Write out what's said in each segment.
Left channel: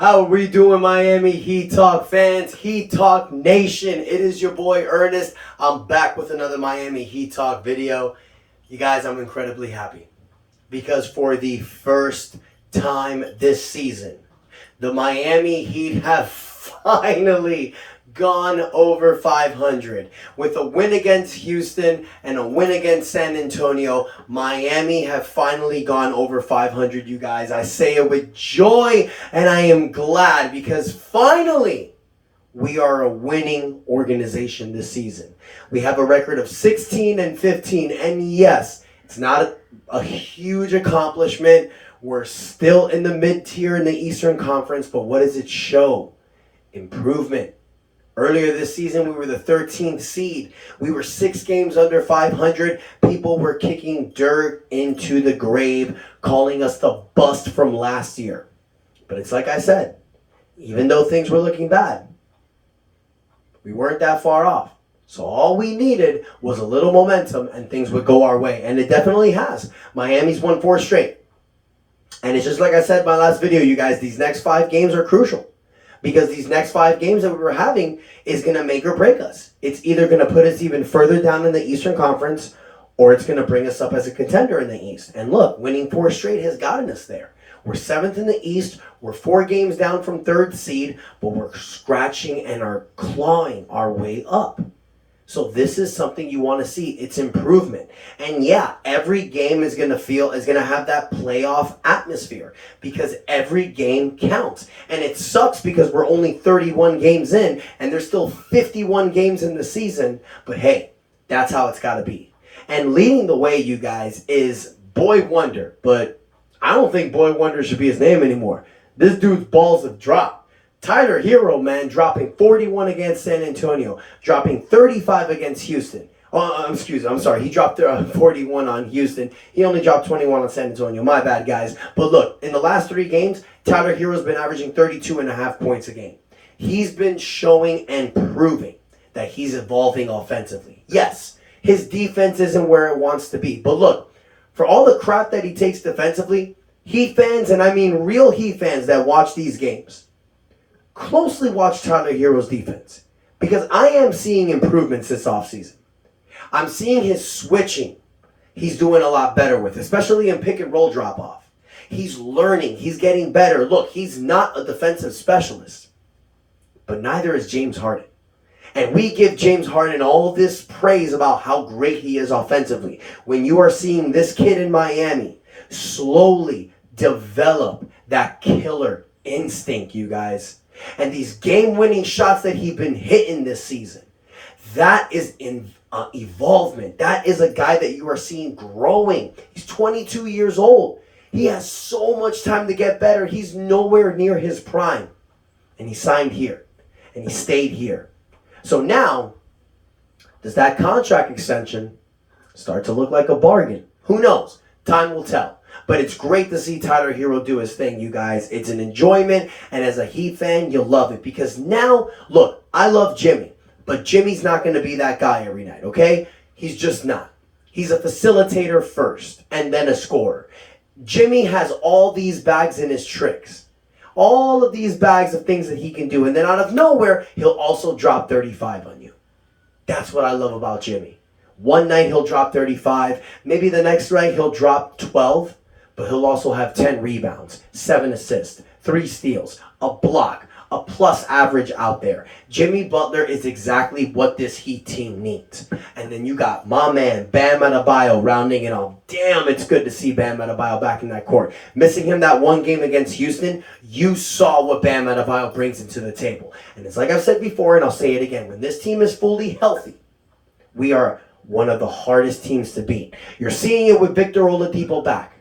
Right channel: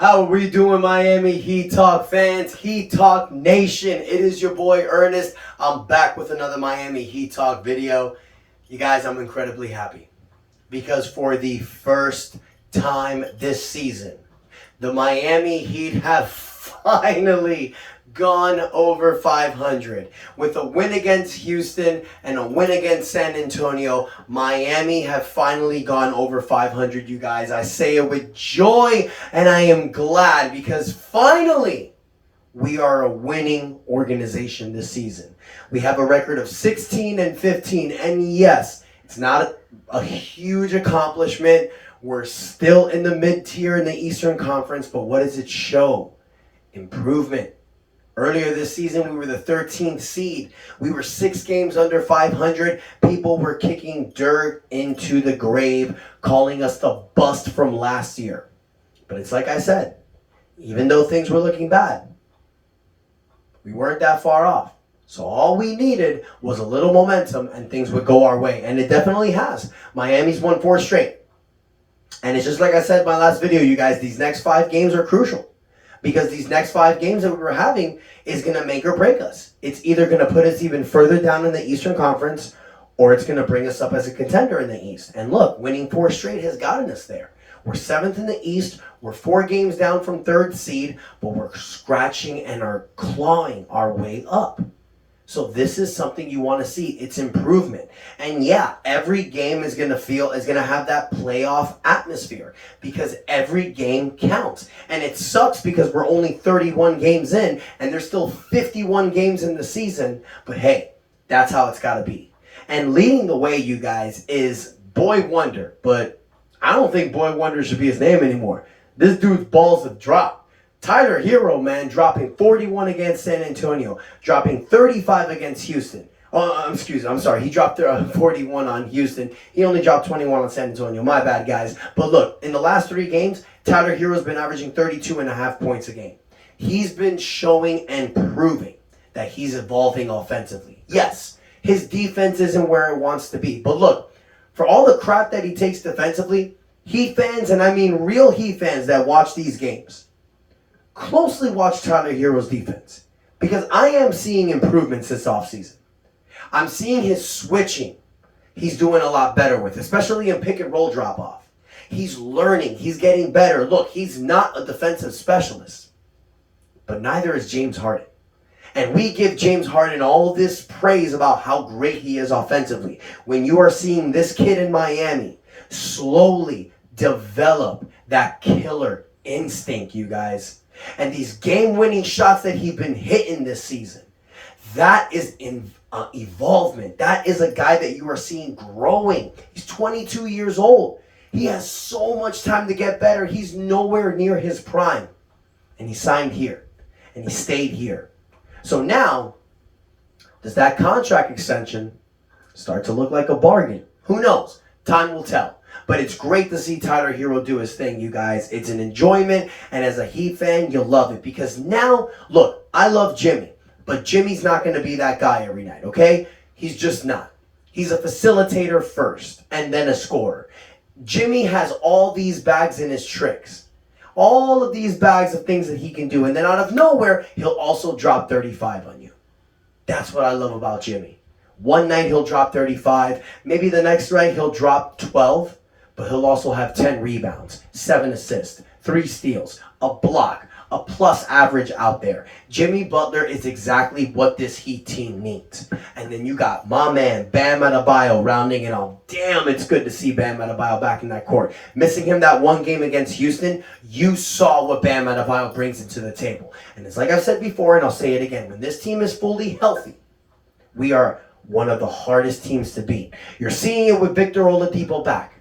How are we doing, Miami Heat Talk fans? Heat Talk Nation. It is your boy Ernest. I'm back with another Miami Heat Talk video. You guys, I'm incredibly happy because for the first time this season, the Miami Heat have finally gone over 500. With a win against Houston and a win against San Antonio, Miami have finally gone over 500, you guys. I say it with joy, and I am glad because finally we are a winning organization this season. We have a record of 16-15, and yes, it's not a huge accomplishment. We're still in the mid-tier in the Eastern Conference, but what does it show? Improvement. Earlier this season, we were the 13th seed. We were 6 games under 500. People were kicking dirt into the grave, calling us the bust from last year. But it's like I said, even though things were looking bad, we weren't that far off. So all we needed was a little momentum and things would go our way. And it definitely has. Miami's won 4 straight. And it's just like I said in my last video, you guys, these next 5 games are crucial. Because these next 5 games that we're having is going to make or break us. It's either going to put us even further down in the Eastern Conference, or it's going to bring us up as a contender in the East. And look, winning 4 straight has gotten us there. We're 7th in the East. We're 4 games down from 3rd seed, but we're scratching and are clawing our way up. So this is something you want to see. It's improvement. And yeah, every game is going to have that playoff atmosphere because every game counts. And it sucks because we're only 31 games in and there's still 51 games in the season. But hey, that's how it's got to be. And leading the way, you guys, is Boy Wonder. But I don't think Boy Wonder should be his name anymore. This dude's balls have dropped. Tyler Herro, man, dropping 41 against San Antonio, dropping 35 against Houston. I'm sorry. He dropped 41 on Houston. He only dropped 21 on San Antonio. My bad, guys. But look, in the last 3 games, Tyler Herro's been averaging 32.5 points a game. He's been showing and proving that he's evolving offensively. Yes, his defense isn't where it wants to be. But look, for all the crap that he takes defensively, Heat fans, and I mean real Heat fans that watch these games, closely watch Tyler Herro's defense because I am seeing improvements this offseason. I'm seeing his switching. He's doing a lot better with, especially in pick and roll drop off. He's learning. He's getting better. Look, he's not a defensive specialist, but neither is James Harden. And we give James Harden all this praise about how great he is offensively. When you are seeing this kid in Miami slowly develop that killer instinct, you guys, and these game-winning shots that he's been hitting this season, that is evolvement. That is a guy that you are seeing growing. He's 22 years old. He has so much time to get better. He's nowhere near his prime. And he signed here. And he stayed here. So now, does that contract extension start to look like a bargain? Who knows? Time will tell. But it's great to see Tyler Herro do his thing, you guys. It's an enjoyment, and as a Heat fan, you'll love it. Because now, look, I love Jimmy, but Jimmy's not going to be that guy every night, okay? He's just not. He's a facilitator first, and then a scorer. Jimmy has all these bags in his tricks. All of these bags of things that he can do, and then out of nowhere, he'll also drop 35 on you. That's what I love about Jimmy. One night, he'll drop 35. Maybe the next night, he'll drop 12. But he'll also have 10 rebounds, 7 assists, 3 steals, a block, a plus average out there. Jimmy Butler is exactly what this Heat team needs. And then you got my man, Bam Adebayo, rounding it off. Damn, it's good to see Bam Adebayo back in that court. Missing him that one game against Houston, you saw what Bam Adebayo brings into the table. And it's like I've said before, and I'll say it again, when this team is fully healthy, we are one of the hardest teams to beat. You're seeing it with Victor Oladipo back.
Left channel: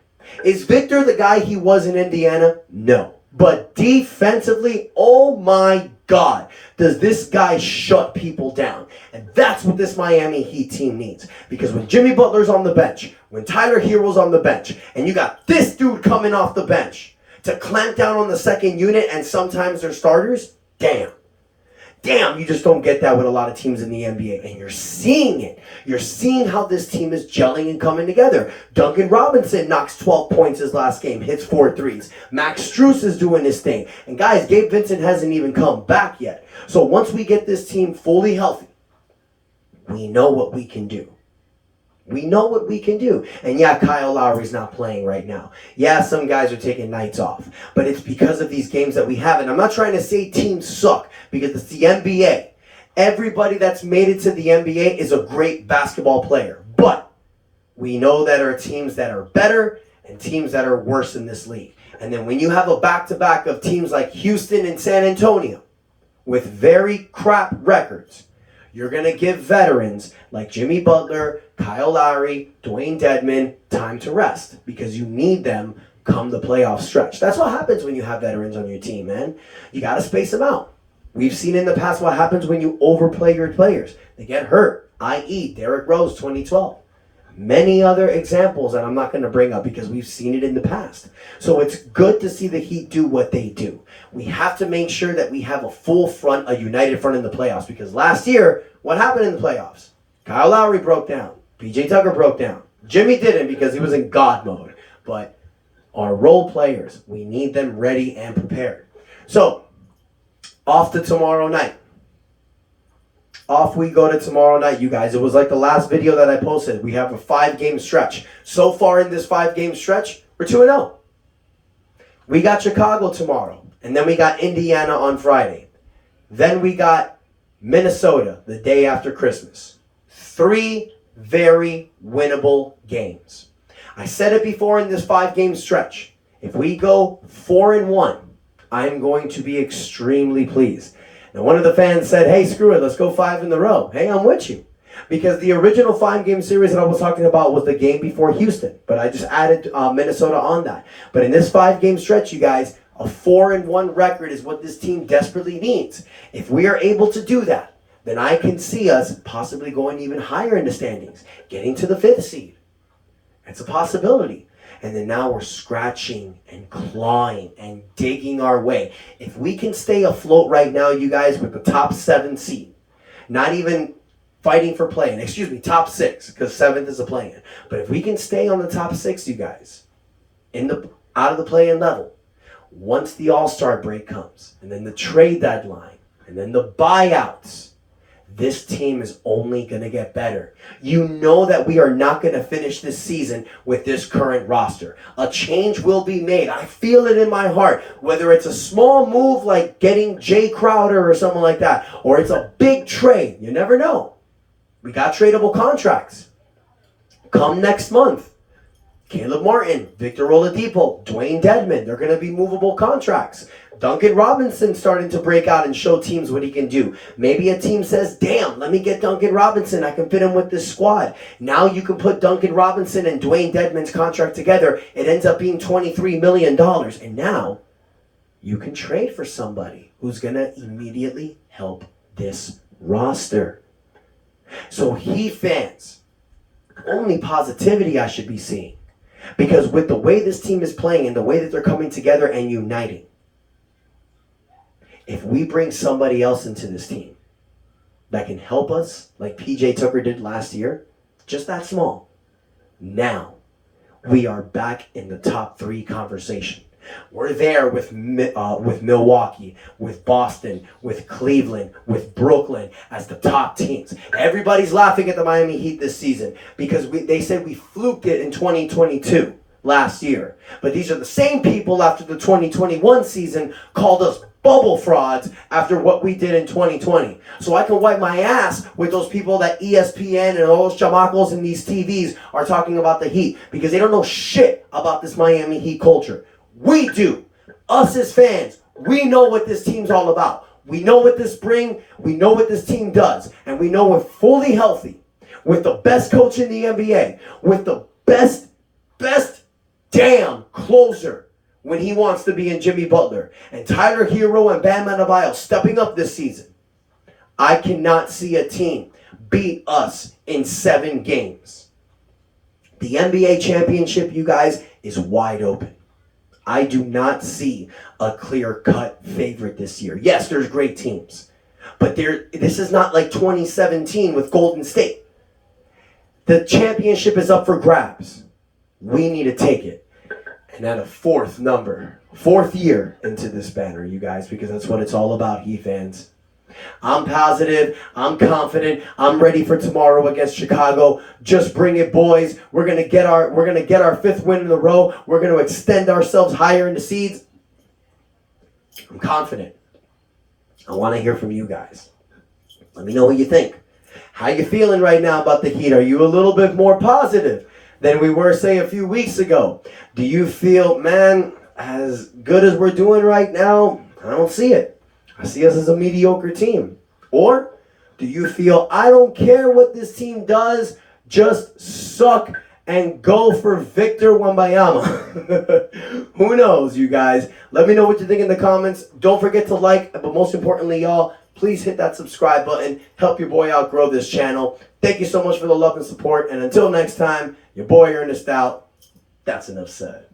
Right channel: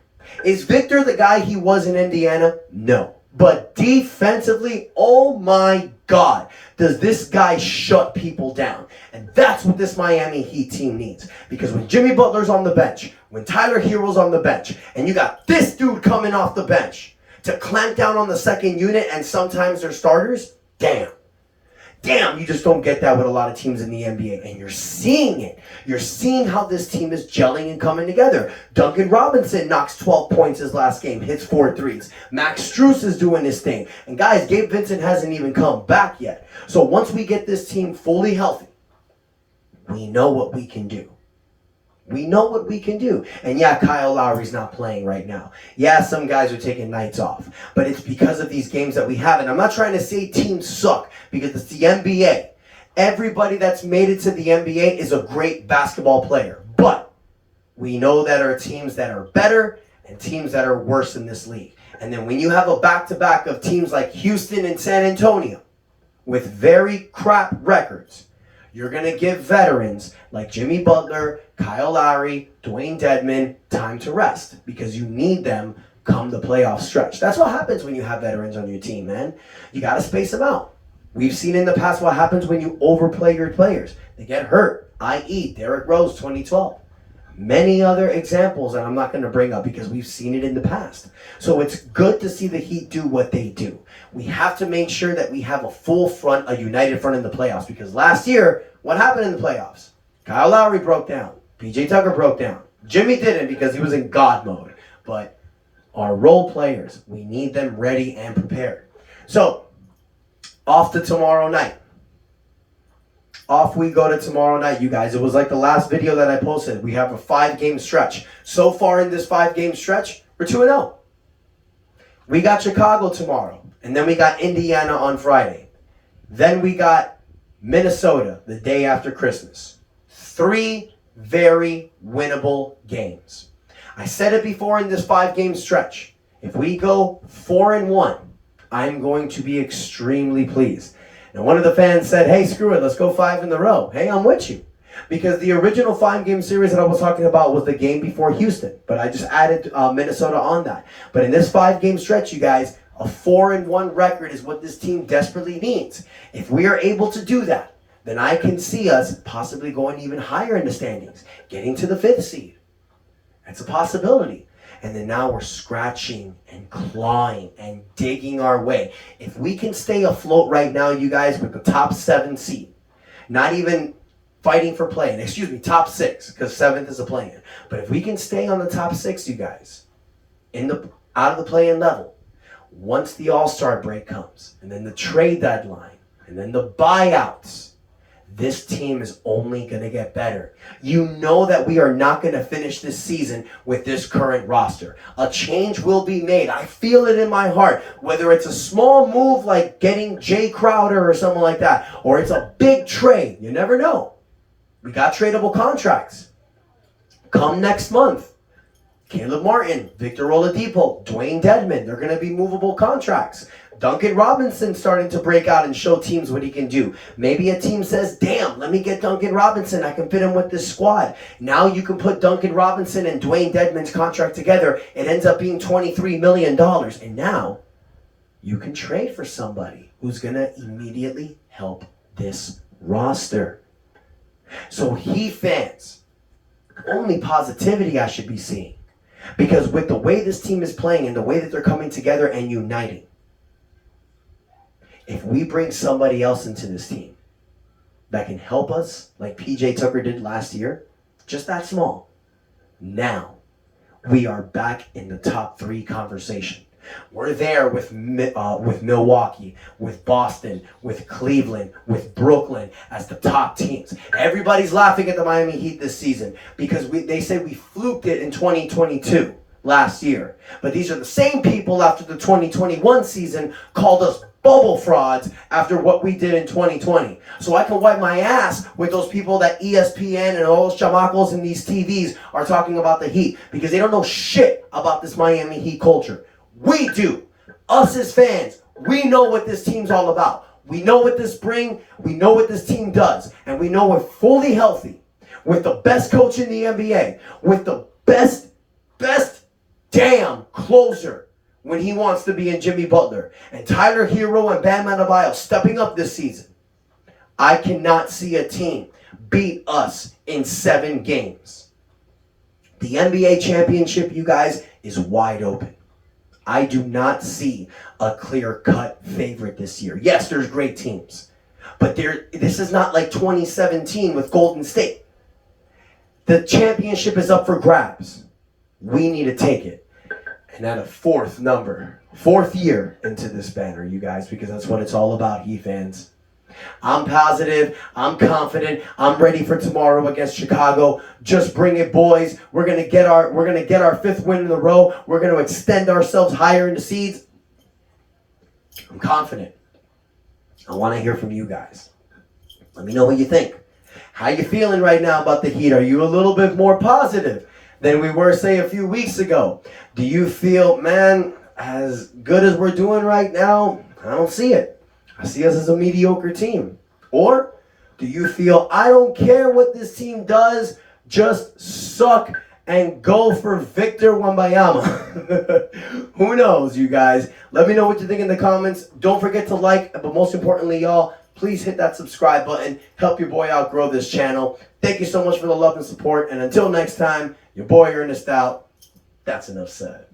Is Victor the guy he was in Indiana? No. But defensively, oh my God, does this guy shut people down. And that's what this Miami Heat team needs. Because when Jimmy Butler's on the bench, when Tyler Herro's on the bench, and you got this dude coming off the bench to clamp down on the second unit and sometimes their starters, damn. Damn, you just don't get that with a lot of teams in the NBA. And you're seeing it. You're seeing how this team is gelling and coming together. Duncan Robinson knocks 12 points his last game, hits 4 threes. Max Strus is doing his thing. And guys, Gabe Vincent hasn't even come back yet. So once we get this team fully healthy, we know what we can do. We know what we can do. And yeah, Kyle Lowry's not playing right now. Yeah, some guys are taking nights off. But it's because of these games that we have. And I'm not trying to say teams suck, because it's the NBA. Everybody that's made it to the NBA is a great basketball player. But we know that there are teams that are better and teams that are worse in this league. And then when you have a back-to-back of teams like Houston and San Antonio with very crap records, you're going to give veterans like Jimmy Butler, Kyle Lowry, Dwayne Dedmon time to rest, because you need them come the playoff stretch. That's what happens when you have veterans on your team, man. You got to space them out. We've seen in the past what happens when you overplay your players. They get hurt, i.e. Derrick Rose 2012. Many other examples that I'm not going to bring up because we've seen it in the past. So it's good to see the Heat do what they do. We have to make sure that we have a full front, a united front in the playoffs, because last year, what happened in the playoffs? Kyle Lowry broke down. PJ Tucker broke down. Jimmy didn't because he was in God mode. But our role players, we need them ready and prepared. So, off to tomorrow night. Off we go to tomorrow night, you guys. It was like the last video that I posted. We have a 5-game stretch. So far in this 5-game stretch, we're 2-0. We got Chicago tomorrow. And then we got Indiana on Friday. Then we got Minnesota the day after Christmas. 3 very winnable games. I said it before in this 5-game stretch. If we go 4-1, I'm going to be extremely pleased. And one of the fans said, hey, screw it, let's go 5 in a row. Hey, I'm with you. Because the original 5-game series that I was talking about was the game before Houston. But I just added Minnesota on that. But in this 5-game stretch, you guys, a 4-1 record is what this team desperately needs. If we are able to do that, then I can see us possibly going even higher in the standings, getting to the 5th seed. It's a possibility. And then now we're scratching and clawing and digging our way. If we can stay afloat right now, you guys, with the top 7 seed, not even fighting for play-in, top 6, because 7th is a play-in. But if we can stay on the top 6, you guys, out of the play-in level, once the All-Star break comes, and then the trade deadline, and then the buyouts, this team is only going to get better. You know that we are not going to finish this season with this current roster. A change will be made. I feel it in my heart. Whether it's a small move like getting Jay Crowder or something like that, or it's a big trade. You never know. We got tradable contracts. Come next month. Caleb Martin, Victor Oladipo, Dwayne Dedmon, they're going to be movable contracts. Duncan Robinson starting to break out and show teams what he can do. Maybe a team says, damn, let me get Duncan Robinson. I can fit him with this squad. Now you can put Duncan Robinson and Dwayne Dedmon's contract together. It ends up being $23 million. And now you can trade for somebody who's going to immediately help this roster. So Heat fans, only positivity I should be seeing. Because with the way this team is playing and the way that they're coming together and uniting, if we bring somebody else into this team that can help us, like PJ Tucker did last year, just that small, now we are back in the top 3 conversation. We're there with Milwaukee, with Boston, with Cleveland, with Brooklyn as the top teams. Everybody's laughing at the Miami Heat this season because they said we fluked it in 2022 last year. But these are the same people after the 2021 season called us bubble frauds after what we did in 2020. So I can wipe my ass with those people that ESPN and all those chamacos in these TVs are talking about the Heat because they don't know shit about this Miami Heat culture. We do. Us as fans, we know what this team's all about. We know what this brings. We know what this team does. And we know we're fully healthy with the best coach in the NBA, with the best damn closer when he wants to be in Jimmy Butler, and Tyler Hero and Bam Adebayo stepping up this season. I cannot see a team beat us in 7 games. The NBA championship, you guys, is wide open. I do not see a clear-cut favorite this year. Yes, there's great teams. But this is not like 2017 with Golden State. The championship is up for grabs. We need to take it. And then a fourth year into this banner, you guys, because that's what it's all about, Heat fans. I'm positive, I'm confident, I'm ready for tomorrow against Chicago. Just bring it, boys. We're gonna get our fifth win in a row. We're gonna extend ourselves higher in the seeds. I'm confident. I want to hear from you guys. Let me know what you think. How you feeling right now about the Heat? Are you a little bit more positive than we were, say, a few weeks ago? Do you feel, man, as good as we're doing right now, I don't see it. I see us as a mediocre team. Or do you feel, I don't care what this team does, just suck and go for Victor Wembanyama? Who knows, you guys? Let me know what you think in the comments. Don't forget to like, but most importantly, y'all, please hit that subscribe button. Help your boy out grow this channel. Thank you so much for the love and support. And until next time, your boy Ernest out. That's enough said.